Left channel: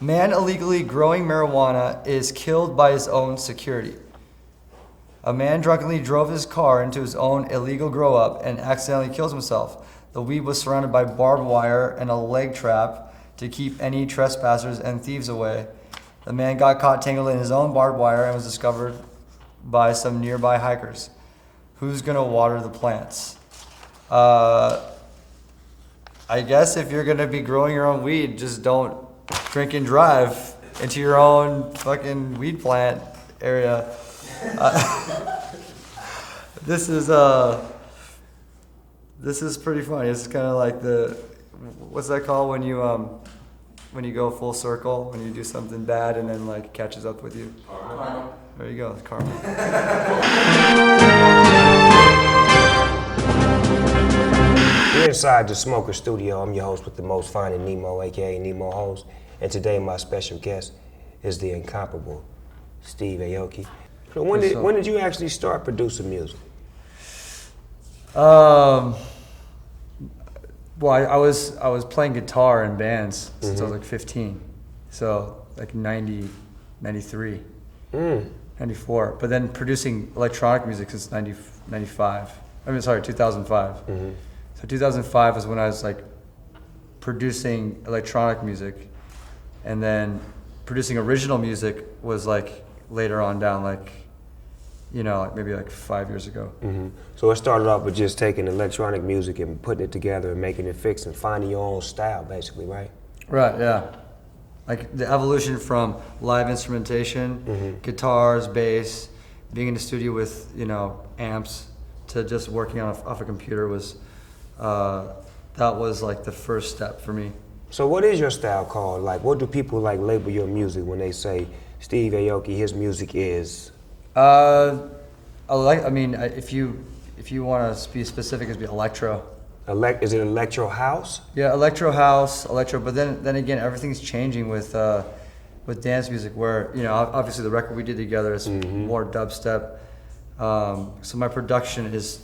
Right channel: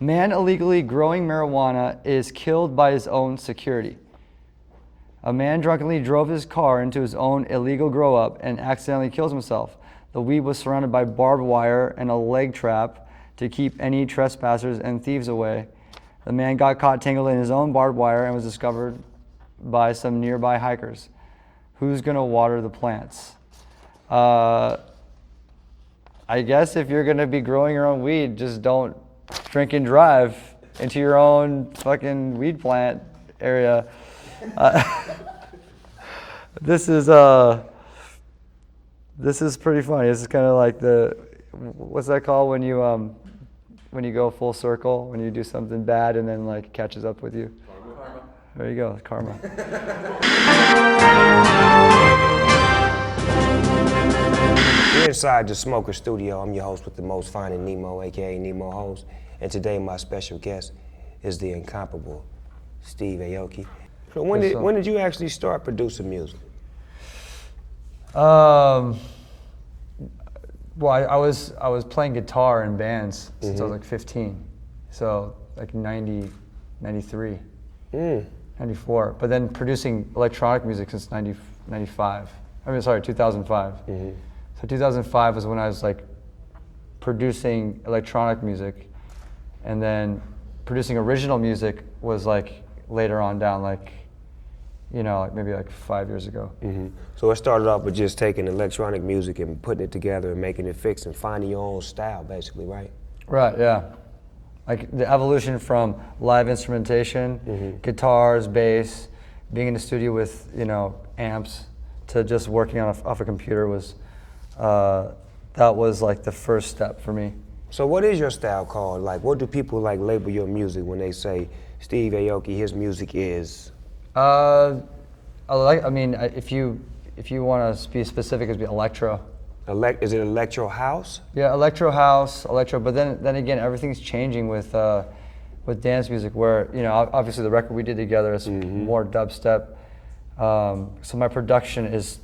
Man illegally growing marijuana is killed by his own security. A man drunkenly drove his car into his own illegal grow-up and accidentally kills himself. The weed was surrounded by barbed wire and a leg trap to keep any trespassers and thieves away. The man got caught tangled in his own barbed wire and was discovered by some nearby hikers. Who's gonna water the plants? I guess if you're gonna be growing your own weed, just don't drink and drive into your own fucking weed plant area. This is pretty funny. This is kind of like what's that called when you go full circle, when you do something bad and then like it catches up with you? Karma. There you go, karma. We're inside the Smoker Studio. I'm your host with the most, finding Nemo, aka Nemo Host. And today my special guest is the incomparable Steve Aoki. So when did you actually start producing music? Well, I was playing guitar in bands since I was like 15, so like 90, 93, 94. But then producing electronic music since 2005. So 2005 is when I was like producing electronic music, and then producing original music was like later on down, like, you know, like maybe like 5 years ago. So it started off with just taking electronic music and putting it together and making it fix and finding your own style, basically, right? Right, yeah. Like the evolution from live instrumentation, guitars, bass, being in the studio with, you know, amps, to just working off a computer was, that was like the first step for me. So what is your style called? Like, what do people like label your music when they say Steve Aoki, his music is? If you want to be specific, it'd be electro. Is it electro house? Yeah, electro house, electro. But then again, everything's changing with dance music. Where, you know, obviously the record we did together is more dubstep. So my production is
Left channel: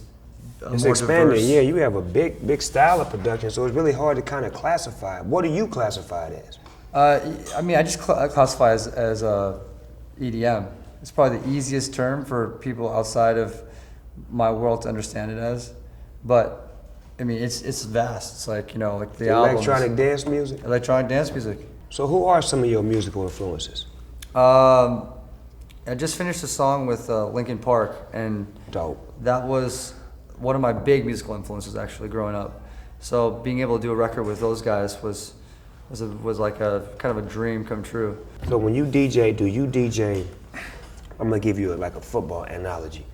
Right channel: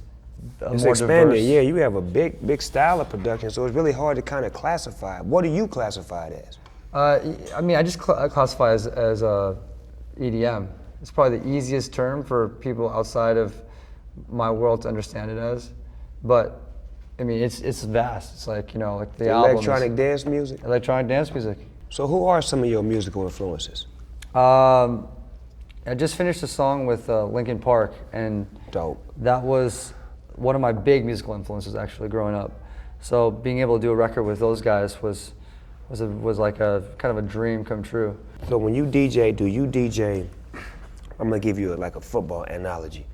it's more expanding. diverse. Yeah, you have a big style of production. So it's really hard to kind of classify. What do you classify it as? I just classify as EDM. It's probably the easiest term for people outside of my world to understand it as. But I mean, it's vast. It's like, you know, like the electronic dance music. Electronic dance music. So who are some of your musical influences? I just finished a song with Linkin Park, and dope. That was one of my big musical influences actually growing up. So being able to do a record with those guys was like a kind of a dream come true. So when you DJ, do you DJ? I'm gonna give you like a football analogy.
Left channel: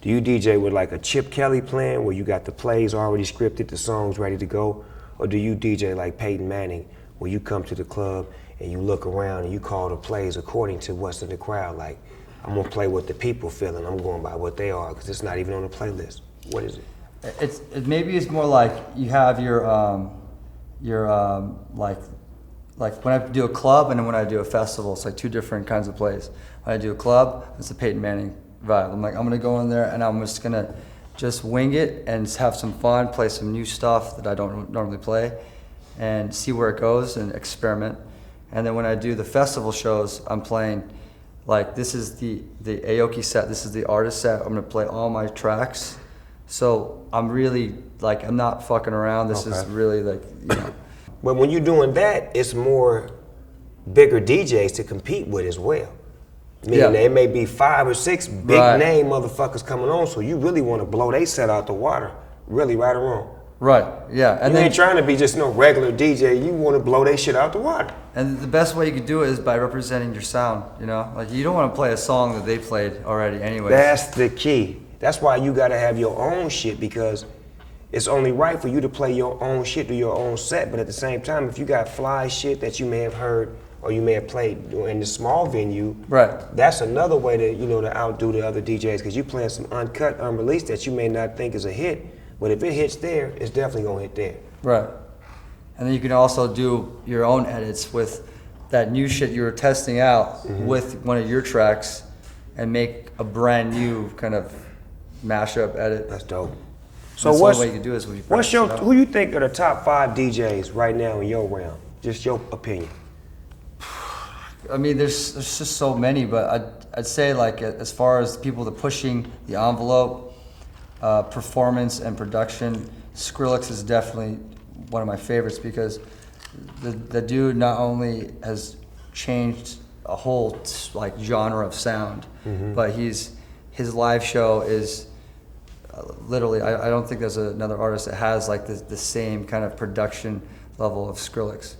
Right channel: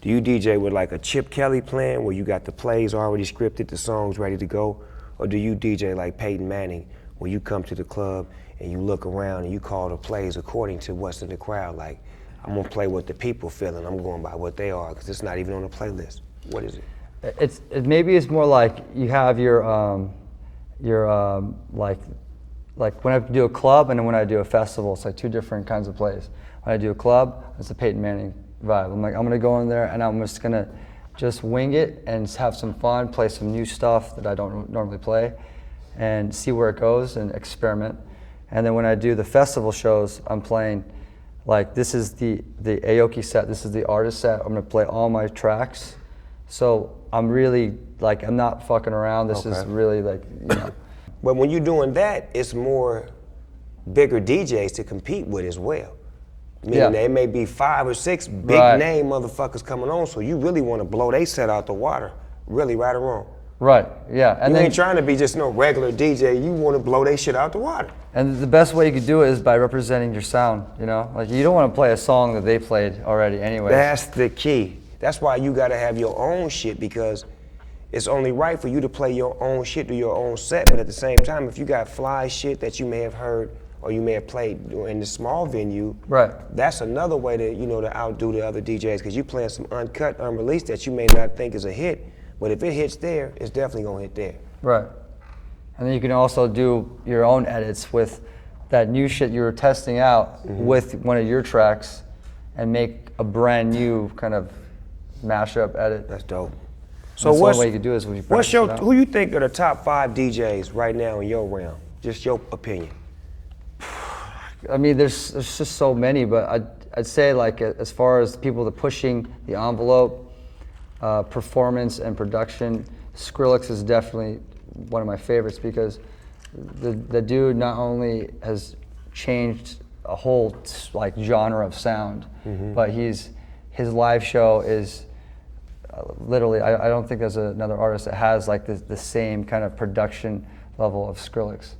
Do you DJ with like a Chip Kelly plan where you got the plays already scripted, the songs ready to go? Or do you DJ like Peyton Manning where you come to the club and you look around and you call the plays according to what's in the crowd? Like, I'm gonna play what the people feeling, I'm going by what they are, because it's not even on the playlist. What is it? Maybe it's more like you have your like when I do a club and then when I do a festival, it's like two different kinds of plays. When I do a club, it's a Peyton Manning vibe. I'm gonna go in there and I'm just gonna wing it and have some fun, play some new stuff that I don't normally play, and see where it goes and experiment. And then when I do the festival shows, I'm playing like, this is the Aoki set, this is the artist set. I'm gonna play all my tracks. So I'm really like, I'm not fucking around. This is really like, you know. But when you're doing that, it's more bigger DJs to compete with as well. Meaning there may be 5 or 6 big name motherfuckers coming on, so you really want to blow they set out the water, really, right or wrong. Right, yeah. And you ain't trying to be just no regular DJ, you want to blow they shit out the water. And the best way you could do it is by representing your sound, you know? Like, you don't want to play a song that they played already anyway. That's the key. That's why you gotta have your own shit, because it's only right for you to play your own shit, do your own set, but at the same time, if you got fly shit that you may have heard or you may have played in the small venue, that's another way to, you know, to outdo the other DJs, because you playing some uncut, unreleased that you may not think is a hit, but if it hits there, it's definitely gonna hit there. Right. And then you can also do your own edits with that new shit you were testing out with one of your tracks and make a brand new kind of mashup edit. That's dope. So what's the way you can do is when you who you think are the top 5 DJs right now in your realm? Just your opinion. I mean, there's just so many, but I'd say like as far as people that pushing the envelope, performance and production, Skrillex is definitely one of my favorites because the dude not only has changed a whole like genre of sound, but his live show is literally, I don't think there's another artist that has like the same kind of production level of Skrillex.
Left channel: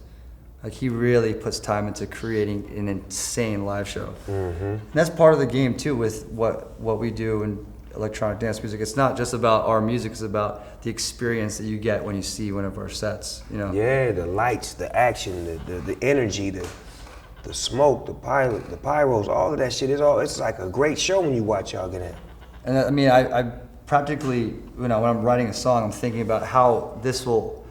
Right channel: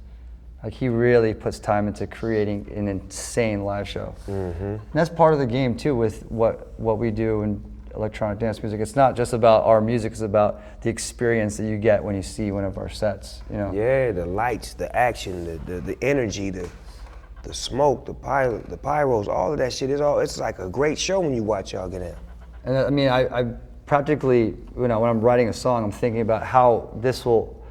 Like he really puts time into creating an insane live show. And that's part of the game too with what we do in electronic dance music. It's not just about our music, it's about the experience that you get when you see one of our sets, you know? Yeah, the lights, the action, the energy, the smoke, the pyros, all of that shit. It's like a great show when you watch y'all get in. And I mean, I practically, you know, when I'm writing a song, I'm thinking about how this will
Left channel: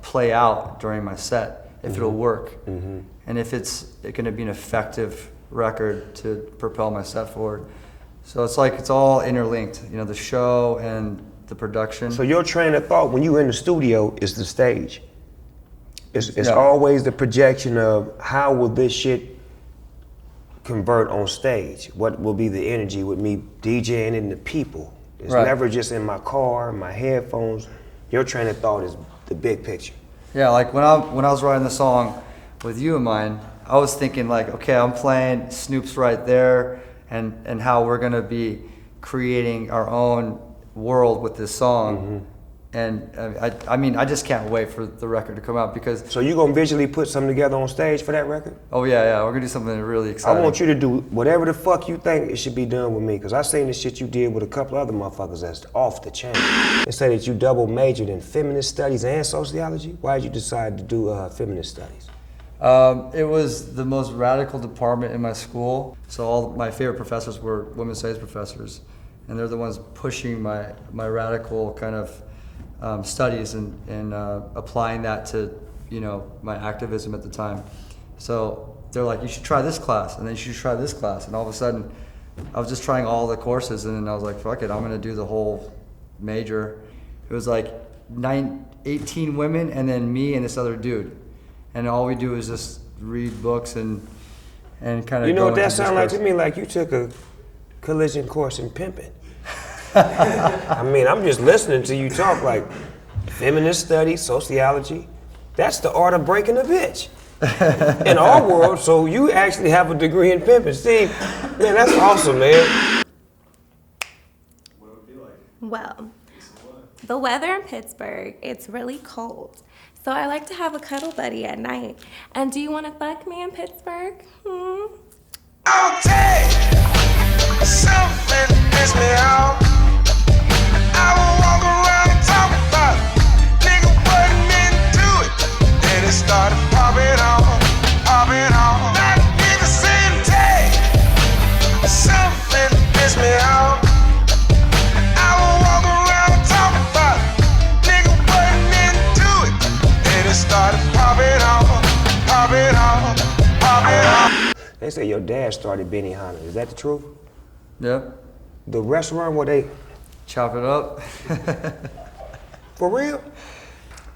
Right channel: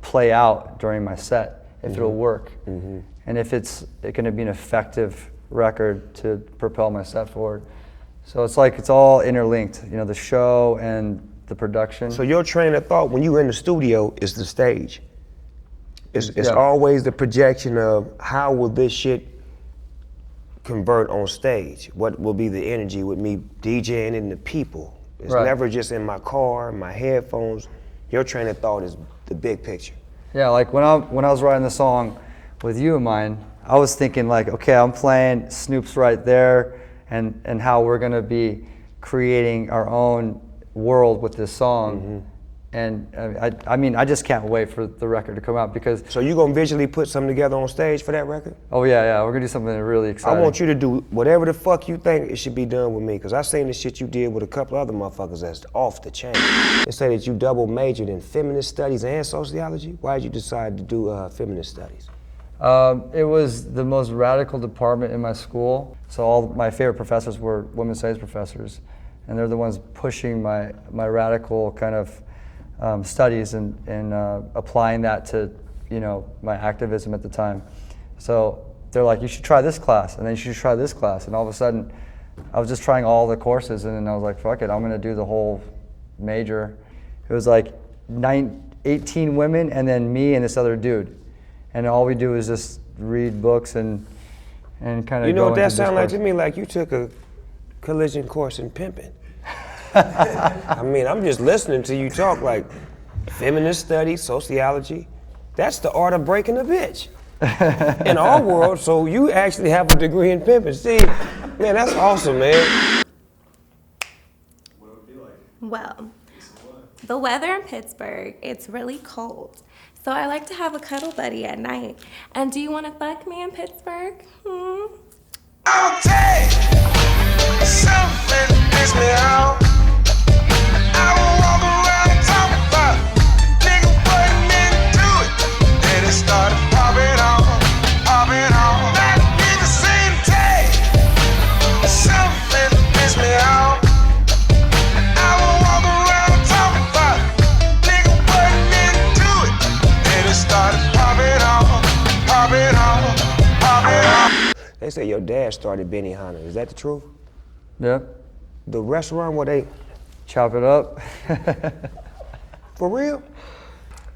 play out during my set, if it'll work, and if it's going to be an effective record to propel my set forward. So it's like it's all interlinked, you know, the show and the production. So your train of thought when you in the studio is the stage. It's always the projection of how will this shit convert on stage? What will be the energy with me DJing in the people? It's never just in my car, my headphones. Your train of thought is the big picture. Yeah, like when I was writing the song with you in mind, I was thinking like, okay, I'm playing, Snoop's right there, and how we're gonna be creating our own world with this song. And I mean, I just can't wait for the record to come out because... So you gonna visually put something together on stage for that record? Oh yeah, we're gonna do something really exciting. I want you to do whatever the fuck you think it should be done with me, because I seen the shit you did with a couple other motherfuckers that's off the chain. They say that you double majored in feminist studies and sociology. Why did you decide to do feminist studies? It was the most radical department in my school. So all my favorite professors were women's studies professors, and they're the ones pushing my radical kind of studies and applying that to, you know, my activism at the time. So they're like, you should try this class, and then you should try this class, and all of a sudden, I was just trying all the courses, and then I was like, fuck it, I'm gonna do the whole major. It was like 18 women, and then me and this other dude, and all we do is just read books and kind of. You know what that sounds like to me? Like you took a collision course in pimping. I mean, I'm just listening to you talk like feminist studies, sociology. That's the art of breaking a bitch in our world. So you actually have a degree in pimping. Steve, man, that's awesome, man. What would it be like? Well, the weather in Pittsburgh, it's really cold. So I like to have a cuddle buddy at night. And do you want to fuck me in Pittsburgh? I'll take something piss me out. I will walk around and talk about it. Nigga wasn't into it. Then it started popping on. That nigga saying take something piss me out. I will walk around and talk about it. Nigga wasn't into it. Then it started popping on. They say your dad started Benihana. Is that the truth? Yeah. The restaurant where they Chop it up. for real?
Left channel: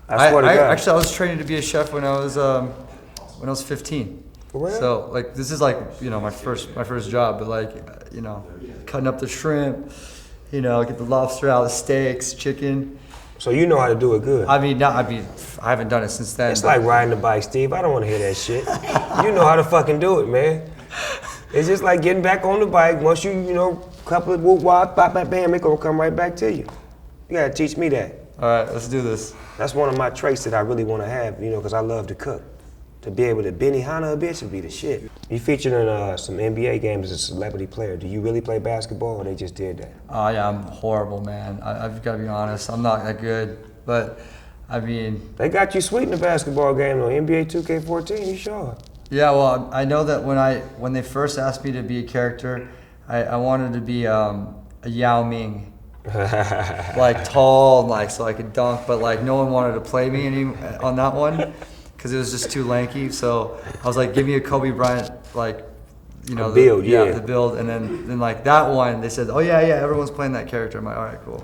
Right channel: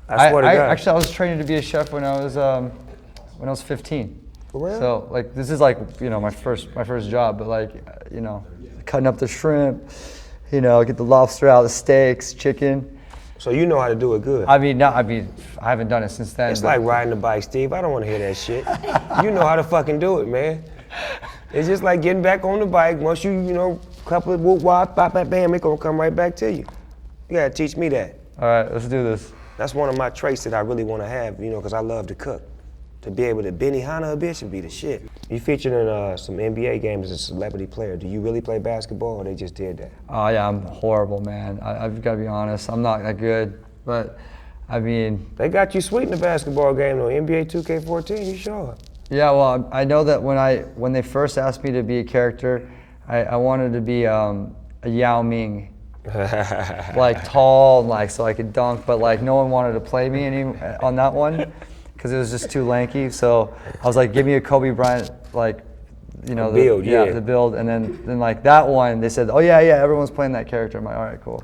I swear to God. Actually, I was training to be a chef when I was 15. For real? So like this is like, you know, my first job, but like, you know, cutting up the shrimp, you know, get the lobster out of the steaks, chicken. So you know how to do it good. I haven't done it since then. It's like riding a bike, Steve. I don't want to hear that shit. You know how to fucking do it, man. It's just like getting back on the bike. Once you know, couple of whoop wop, bop, bam, bam, it gonna come right back to you. You gotta teach me that. All right, let's do this. That's one of my traits that I really want to have, you know, because I love to cook. To be able to Benihana a bitch would be the shit. You featured in some NBA games as a celebrity player. Do you really play basketball, or they just did that? Oh yeah, I'm horrible, man. I've got to be honest. I'm not that good, but I mean. They got you sweet in the basketball game on NBA 2K14. You sure? Yeah, well, I know that when they first asked me to be a character, I wanted to be a Yao Ming, like tall, like so I could dunk, but like no one wanted to play me on that one because it was just too lanky. So I was like, give me a Kobe Bryant, like, you know, the build, and then like that one, they said, oh yeah, everyone's playing that character. I'm like, all right, cool.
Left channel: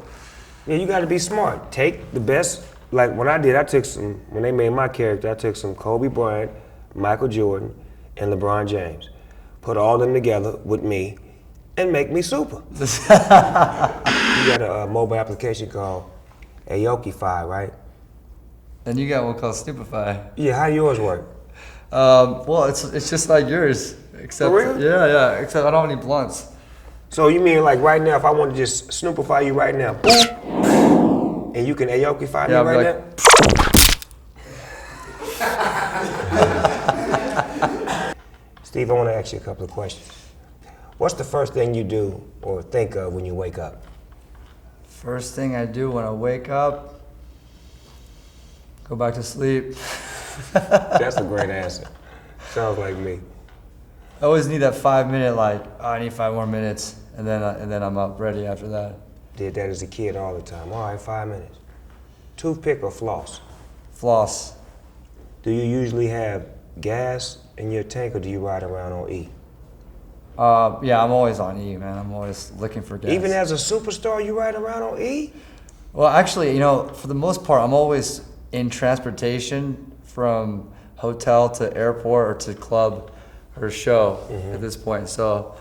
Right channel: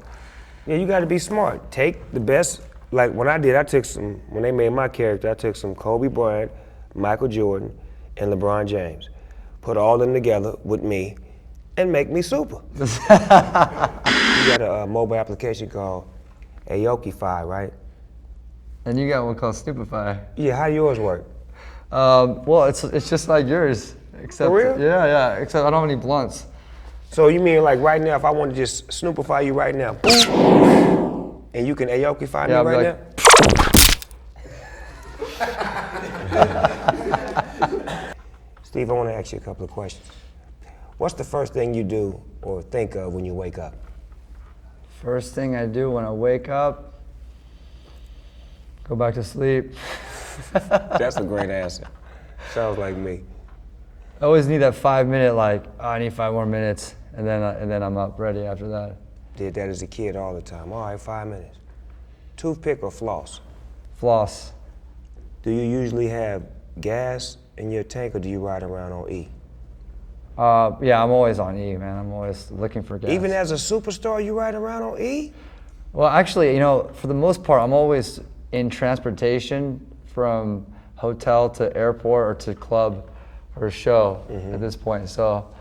Yeah, you got to be smart. Take the best. Like when I took some. When they made my character, I took some Kobe Bryant, Michael Jordan, and LeBron James. Put all of them together with me and make me super. You got a mobile application called Aoki, right? And you got one called Snoopify. Yeah, how yours work? Well, it's just like yours. Except, For real? Yeah. Except I don't have any blunts. So you mean like right now, if I want to just Snoopify you right now, and you can Aoki-fy me right now? Steve, I want to ask you a couple of questions. What's the first thing you do or think of when you wake up? First thing I do when I wake up, go back to sleep. That's a great answer. Sounds like me. I always need that 5 minute, like, oh, I need 5 more minutes, and then I'm up ready after that. Did that as a kid all the time. All right, 5 minutes. Toothpick or floss? Floss. Do you usually have gas in your tank or do you ride around on E? Yeah, I'm always on E, man. I'm always looking for gas. Even as a superstar, you ride around on E? Well, actually, for the most part, I'm always in transportation from hotel to airport or to club or show at this point. So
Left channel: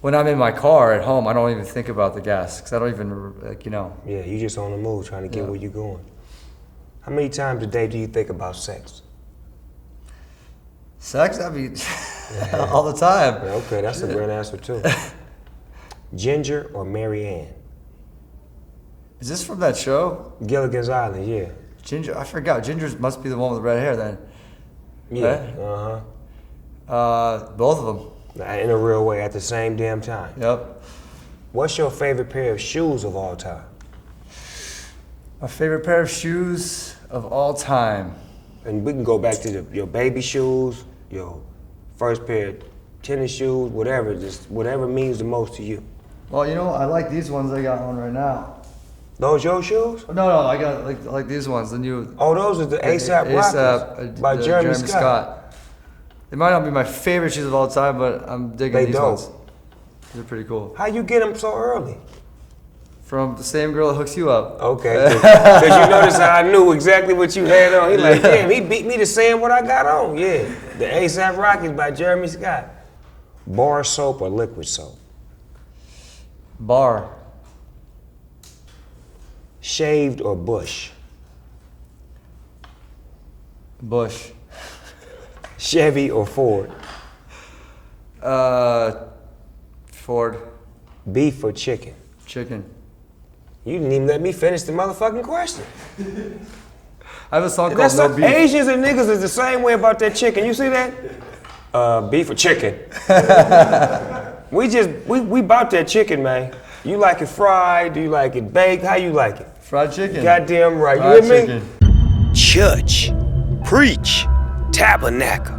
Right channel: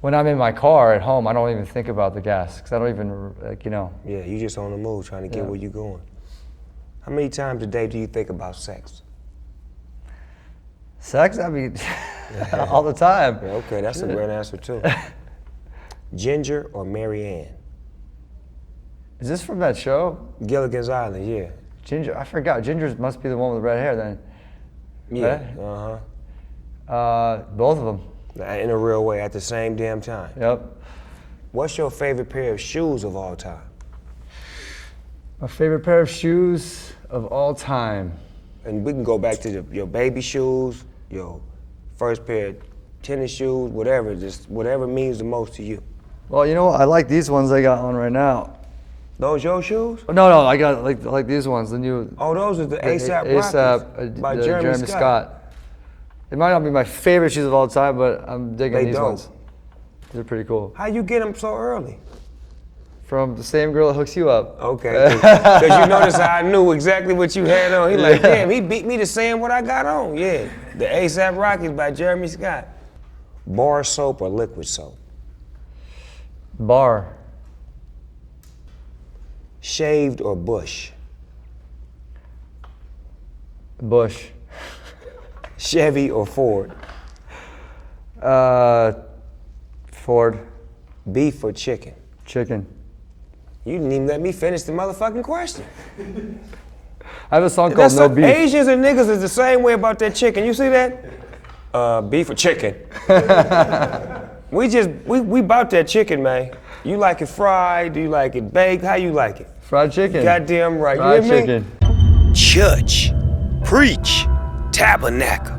when I'm in my car at home, I don't even think about the gas because I don't even, Yeah, you just on the move trying to get where you're going. How many times a day do you think about sex? Sex? I mean, all the time. Okay, that's a great answer too. Ginger or Mary Ann? Is this from that show? Gilligan's Island, yeah. Ginger? I forgot. Ginger must be the one with the red hair then. Yeah, right? Both of them. In a real way, at the same damn time. Yep. What's your favorite pair of shoes of all time? My favorite pair of shoes of all time. And we can go back to your baby shoes, your first pair of tennis shoes, whatever, just whatever means the most to you. Well, I like these ones. I got one right now. Those your shoes? No, I got like these ones, the new. Oh, those are the ASAP Rockets by Jeremy Scott. They might not be my favorite shoes of all time, but I'm digging these ones. They're pretty cool. How you get them so early? From the same girl that hooks you up. Okay, because you notice how I knew exactly what you had on. He like, damn, he beat me to saying what I got on. Yeah, the ASAP Rockets by Jeremy Scott. Bar soap or liquid soap? Bar. Shaved or bush? Bush. Chevy or Ford? Ford. Beef or chicken? Chicken. You didn't even let me finish the motherfucking question. I have a song called No Beef. Asians and niggas is the same way about that chicken. You see that? Beef or chicken? we bought that chicken, man. You like it fried? Do you like it baked? How you like it? Fried chicken. Goddamn right. Fried You hear me? chicken. Church, preach, tabernacle.